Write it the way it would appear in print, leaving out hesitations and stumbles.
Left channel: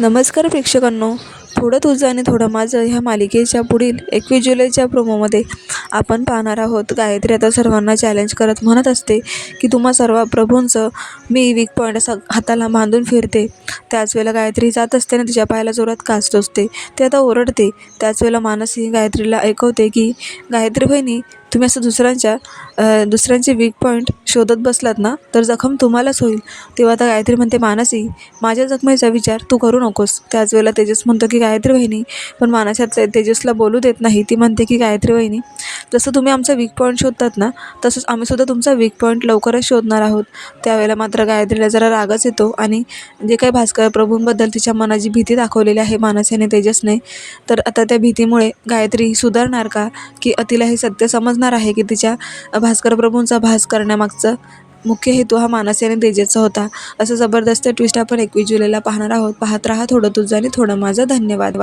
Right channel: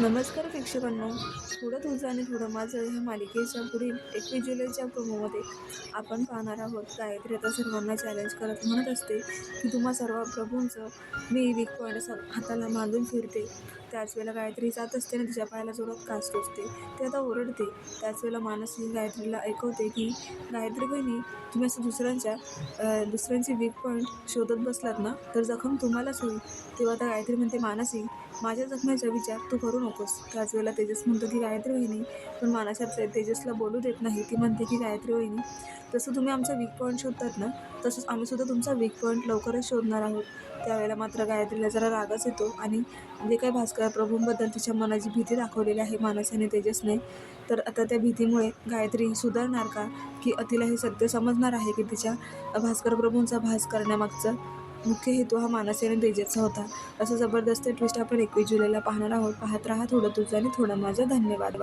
नमस्कार प्रेक्षकांनो, थोडं तुझं आणि थोडं माझं ह्या मालिकेच्या पुढील 21 जुलैच्या प्रोमोमध्ये आपण पाहणार आहोत. गायत्री आता सर्वांना चॅलेंज करत म्हणत असते की तुम्हा सर्व प्रभूंचं मी वीक पॉईंट असं हाताला बांधून फिरते. त्याच वेळेला गायत्री जात असते आणि तिच्या पायाला जोरात काच टोचते. ते आता ओरडते. त्याच वेळेला मानसी गायत्रीला ऐकवते की गायत्री बहिणी, तुम्ही असं दुसऱ्यांचे वीक पॉईंट शोधत बसलात ना तर जखम तुम्हालाच होईल. तेव्हा आता गायत्री म्हणते, मानसी माझ्या जखमेचा विचार तू करू नकोस. त्याच वेळेला तेजस म्हणतो की गायत्री वहिनी, पण मानसी तेजसला बोलू देत नाही. ती म्हणते की गायत्री वहिनी, जसं तुम्ही आमचा वीक पॉईंट शोधतात ना तसंच आम्ही सुद्धा तुमचा वीक पॉईंट लवकरच शोधणार आहोत. त्यावेळेला मात्र गायत्रीला जरा रागच येतो आणि जे काही भास्कर प्रभूंबद्दल तिच्या मनाची भीती दाखवलेली आहे मानसी आणि तेजसने, तर आता त्या भीतीमुळे गायत्री सुधारणार का, की तिला हे सत्य समजणार आहे की तिच्या भास्कर प्रभूंचा भास करण्यामागचा मुख्य हेतू हा मानसी आणि तेजसचा होता. असं जबरदस्त ट्विस्ट आपण 21 जुलैला पाहणार आहोत. पाहत राहा थोडं तुझं आणि थोडं माझं. धन्यवाद.